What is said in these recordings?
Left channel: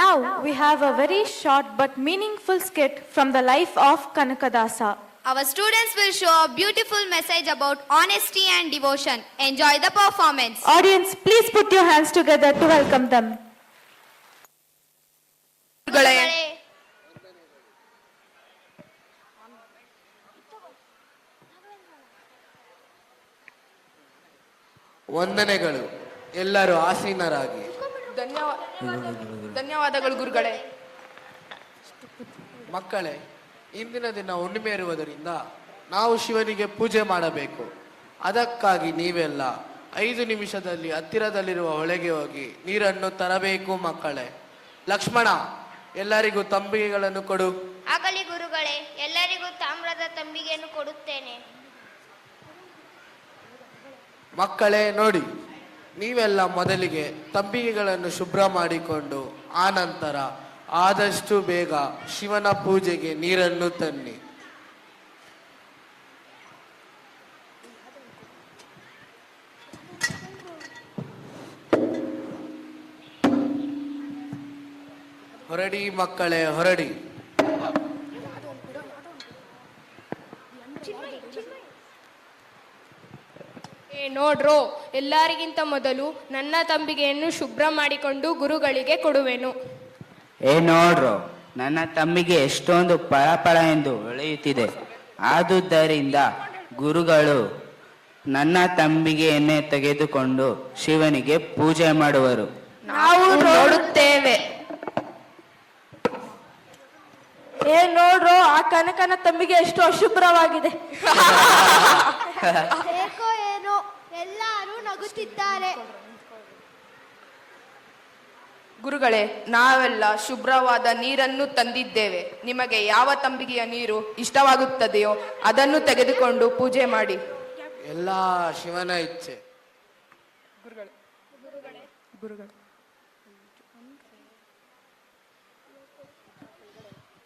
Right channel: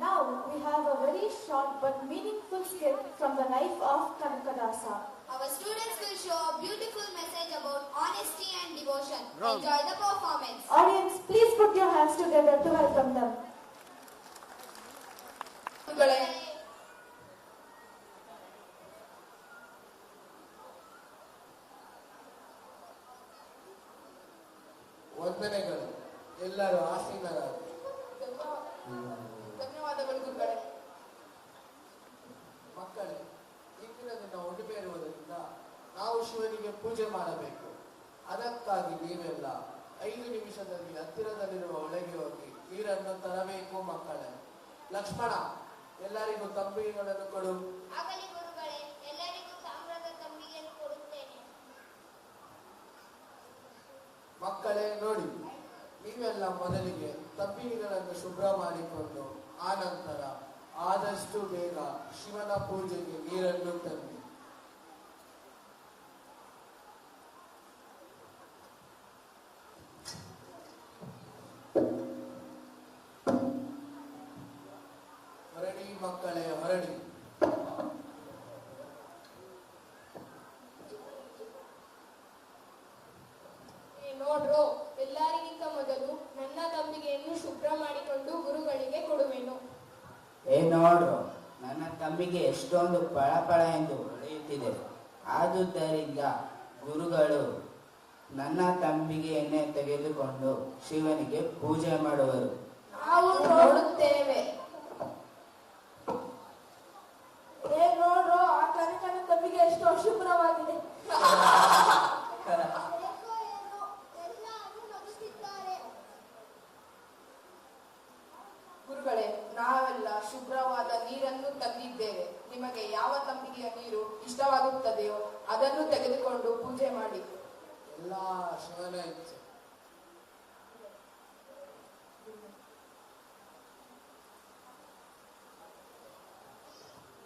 Now we have a very short but meaningful skit from the life of Kanakadasa. Our students will show a beautiful message about honesty and devotion. Enjoy the performance. Audience, please put your hands together to welcome them. ವಂದನೆಗಳು. ಎಲ್ಲರೂ ಆಸೀನರಾಗಿ. ಧನ್ಯವಾದಗಳು ಗುರುಗಳೇ. ಮಕ್ಕಳೇ, ಇಂದಿನ ದಿನ ಹುಣ್ಣಿಮೆ ಇರುವುದರಿಂದ ನಾವು ಶಿವನಿಗೆ ಪೂಜೆ ಮಾಡಬೇಕು. ಅದಕ್ಕಾಗಿ ನೀವೆಲ್ಲ 5 ನಿಮಿಷದಲ್ಲಿ ಹತ್ತಿರದಲ್ಲಿರುವ ಹೊಳೆಗೆ ಹೋಗಿ ನೀರನ್ನು ತರಬೇಕು. ಮಕ್ಕಳೇ, ಲಕ್ಷ್ಮಣ, ಎಲ್ಲರಿಗೂ ತಂಬಿಗೆಗಳನ್ನು ಕೊಡು. ಆಗಲಿ ಗುರುಗಳೇ, ಎಲ್ಲರಿಗೂ ತಾಮ್ರದ ತಂಬಿಗೆಯನ್ನು ಕೊಡುತ್ತೇನೆ. ಮಕ್ಕಳೇ ನೋಡಿ, ನೀವೆಲ್ಲ ಮೊದಲಿಗೆ ತಂಬಿಗೆಗಳನ್ನು ಶುಭ್ರ ಮಾಡಿಕೊಂಡು ಆನಂತರ ಆದಷ್ಟು ಬೇಗ ಶಿವನ ಪೂಜೆಗೆ ನೀರನ್ನು ತನ್ನಿ. ಹೊರಡಿ ಮಕ್ಕಳೇ, ಹೊರಡಿ. ನೋಡ್ರೋ, ಎಲ್ಲರಿಗಿಂತ ಮೊದಲು ನನ್ನ ತಂಬಿಗೆಯನ್ನು ಶುಭ್ರ ಮಾಡಿಕೊಂಡು ಗುರುಗಳಿಗೆ ಕೊಡುವೆನು. ನೋಡ್ರೋ, ನನ್ನ ತಂಬಿಗೆ ಎಷ್ಟೊಂದು ಪಳಪಳ ಎಂದು ಹೊಳೆಯುತ್ತಿದೆ. ಆದುದರಿಂದ ಗುರುಗಳು ನನ್ನ ತಂಬಿಗೆಯನ್ನೇ ತೆಗೆದುಕೊಂಡು ಶಿವನಿಗೆ ಪೂಜೆ ಮಾಡುವರು. ನಾವು ನೋಡುತ್ತೇವೆ. ನೋಡ್ರೋ, ಆ ಕನಕನ ತಂಬಿಗೆ ಎಷ್ಟು ಅಶುಭ್ರವಾಗಿದೆ. ಏಕೋ ಏನೋ ಎಲ್ಲರೂ ನಗುತ್ತಿದ್ದಾರೆ. ಗುರುಗಳೇ, ನಾವೆಲ್ಲ ಶುಭ್ರವಾದ ನೀರನ್ನು ತಂದಿದ್ದೇವೆ. ನಿಮಗೆ ಯಾವ ತಂಬಿಗೆಯ ನೀರು ಇಷ್ಟವಾಗುತ್ತದೆಯೋ ಅದನ್ನು ತೆಗೆದುಕೊಂಡು ಪೂಜೆ ಮಾಡಿ. ಎಲ್ಲ ಶಿವನ ಇಚ್ಛೆ.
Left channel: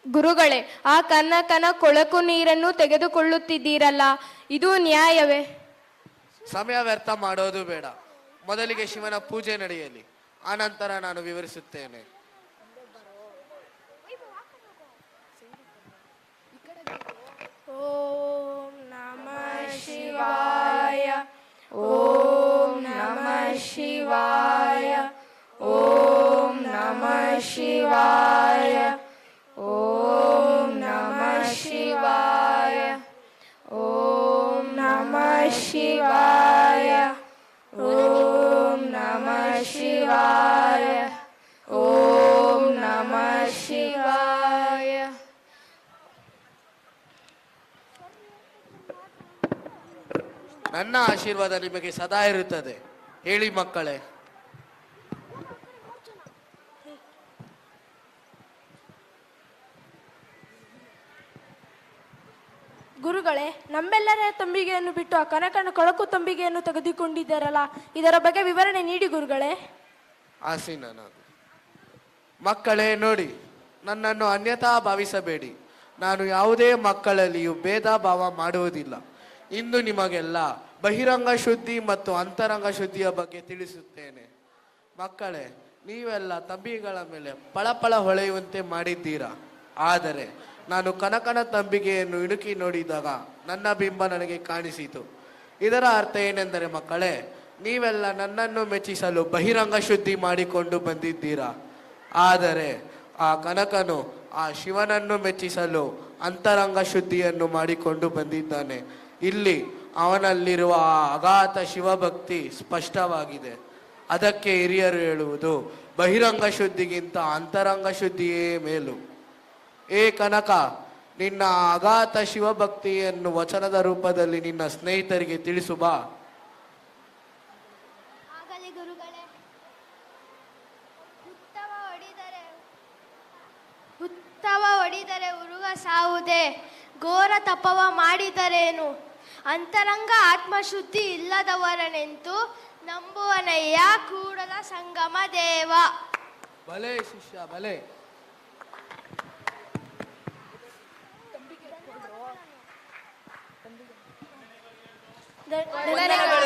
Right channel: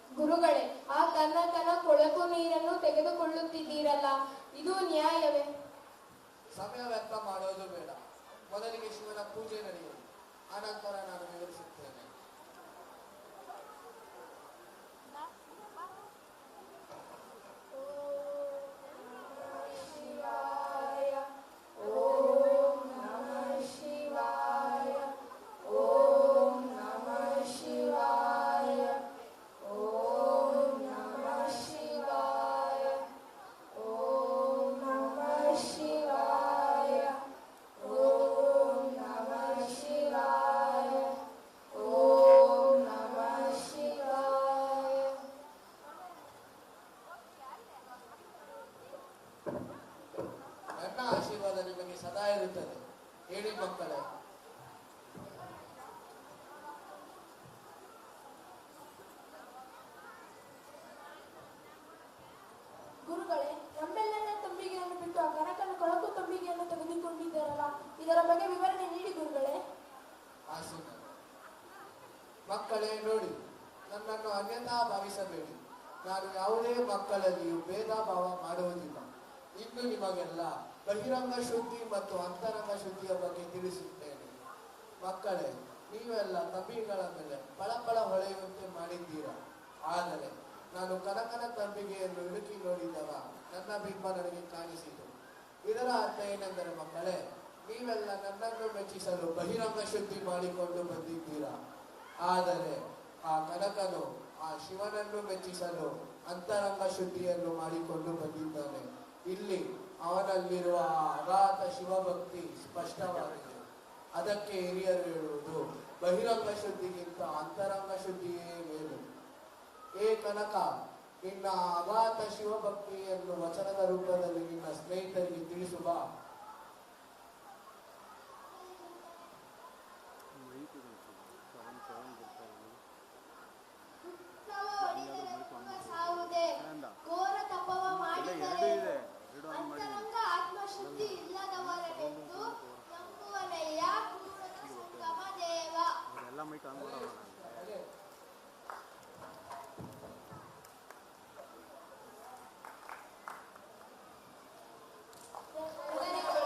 ಗುರುಗಳೇ, ಆ ಕನಕನ ಕೊಳಕು ನೀರನ್ನು ತೆಗೆದುಕೊಳ್ಳುತ್ತಿದ್ದೀರಲ್ಲ, ಇದು ನ್ಯಾಯವೇ? ಸಮಯ ವ್ಯರ್ಥ ಮಾಡೋದು ಬೇಡ. ಮೊದಲಿಗೆ ಶಿವನ ಪೂಜೆ ನಡೆಯಲಿ, ಆನಂತರ ನಾನು ವಿವರಿಸುತ್ತೇನೆ. ಓಂ ನಮಃ ಶಿವಾಯ, ಓಂ ನಮಃ ಶಿವಾಯ, ಓಂ ನಮಃ ಶಿವಾಯ, ಓಂ ನಮಃ ಶಿವಾಯ, ಓಂ ನಮಃ ಶಿವಾಯ, ಓಂ ನಮಃ ಶಿವಾಯ, ಓಂ ನಮಃ ಶಿವಾಯ. ನನ್ನ ಆಶೀರ್ವಾದ ನಿಮಗೆ ಸದಾ ಇರುತ್ತದೆ. ಹೇಳಿ ಮಕ್ಕಳೇ. ಗುರುಗಳೇ, ನಮ್ಮೆಲ್ಲರ ತಂಬಿಗೆಯನ್ನು ಬಿಟ್ಟು ಆ ಕನಕನ ಕೊಳಕು ತಂಬಿಗೆಯನ್ನು ತೆಗೆದುಕೊಂಡಿದ್ದಾರಲ್ಲ, ಇದರ ಬಗ್ಗೆ ವಿವರಣೆ ನೀಡಿ ಗುರುಗಳೇ. ಆಸೀನನ. ಮಕ್ಕಳೇ ನೋಡಿ, ನನ್ನನ್ನು ಅನ್ಯಥಾ ಭಾವಿಸಬೇಡಿ. ನಾನು ಯಾವುದೇ ಮಕ್ಕಳಲ್ಲಿಯೂ ಭೇದ ಭಾವ ಮಾಡುವುದಿಲ್ಲ. ಇಂದು ನಿಮಗೆಲ್ಲ ಬಹಿರಂಗ ಶುದ್ಧಿ ಮತ್ತು ಅಂತರಂಗ ಶುದ್ಧಿಯ ಬಗ್ಗೆ ತಿಳಿಸುತ್ತೇನೆ. ಮಕ್ಕಳೇ, ನೀವೆಲ್ಲ ತಂಬಿಗೆಗಳ ಮೇಲೆ ಪಳಪಳ ಹೊಳೆಯುವಂತೆ ಮಾಡಿದ್ದೀರಾ. ಆದರೆ ನಾನು ಕನಕನ ತಂಬಿಗೆಯನ್ನು ಇಣುಕಿ ನೋಡಿದಾಗ ನನ್ನ ಬಿಂಬ ನನಗೆ ಕಾಣಿಸಿತು. ಇದರ ಅರ್ಥ ಏನೆಂದರೆ ಮಕ್ಕಳೇ, ನೀವೆಲ್ಲ ನನ್ನನ್ನು ಮೆಚ್ಚಿಸಲು ಬಹಿರಂಗ ಶುದ್ಧಿ ಮಾಡಿಕೊಂಡು ಬಂದಿದ್ದೀರಾ. ಆದರೆ ಆ ಕನಕನು ಆ ಶಿವನನ್ನು ಮೆಚ್ಚಿಸಲು ಅಂತರಂಗ ಶುದ್ಧಿಯನ್ನು ಮಾಡಿಕೊಂಡು ಬಂದಿದ್ದಾನೆ. ಇಲ್ಲಿ ಅವನಲ್ಲಿರುವ ಆ ಅಗಾಧ ಶಿವಭಕ್ತಿ ಸ್ಪಷ್ಟವಾಗಿದೆ. ಅದಕ್ಕೆ ಹಿರಿಯರು ಹೇಳುವುದು, ಬಹಿರಂಗ ಶುದ್ಧಿಗಿಂತ ಅಂತರಂಗ ಶುದ್ಧಿಯೇ ಮೇಲು. ಏ ಕನಕ, ನಿನ್ನ ಅಗಾಧ ಶಿವಭಕ್ತಿಯನ್ನು ವಚನದ ರೂಪದಲ್ಲಿ ನಿನ್ನ ಸ್ನೇಹಿತರಿಗೆ ತಿಳಿಸು ಬಾ. ಆಗಲಿ ಗುರುಗಳೇ. ಹುತ್ತವ ಹೊಡಿದರೆ ಉರುಗ ಸಾವುದೇ, ಘೋರ ತಪವ ಮಾಡಿದರೇನು, ಅಂತರಂಗ ಆತ್ಮಶುದ್ಧಿ ಇಲ್ಲದವರನೆಂತು ನಂಬುವನಯ್ಯ ಕೂಡಲ ಸಂಗಮ ದೇವ. ಭಲೆ ಶಿಷ್ಯ ಭಲೆ. ಧನ್ಯವಾದ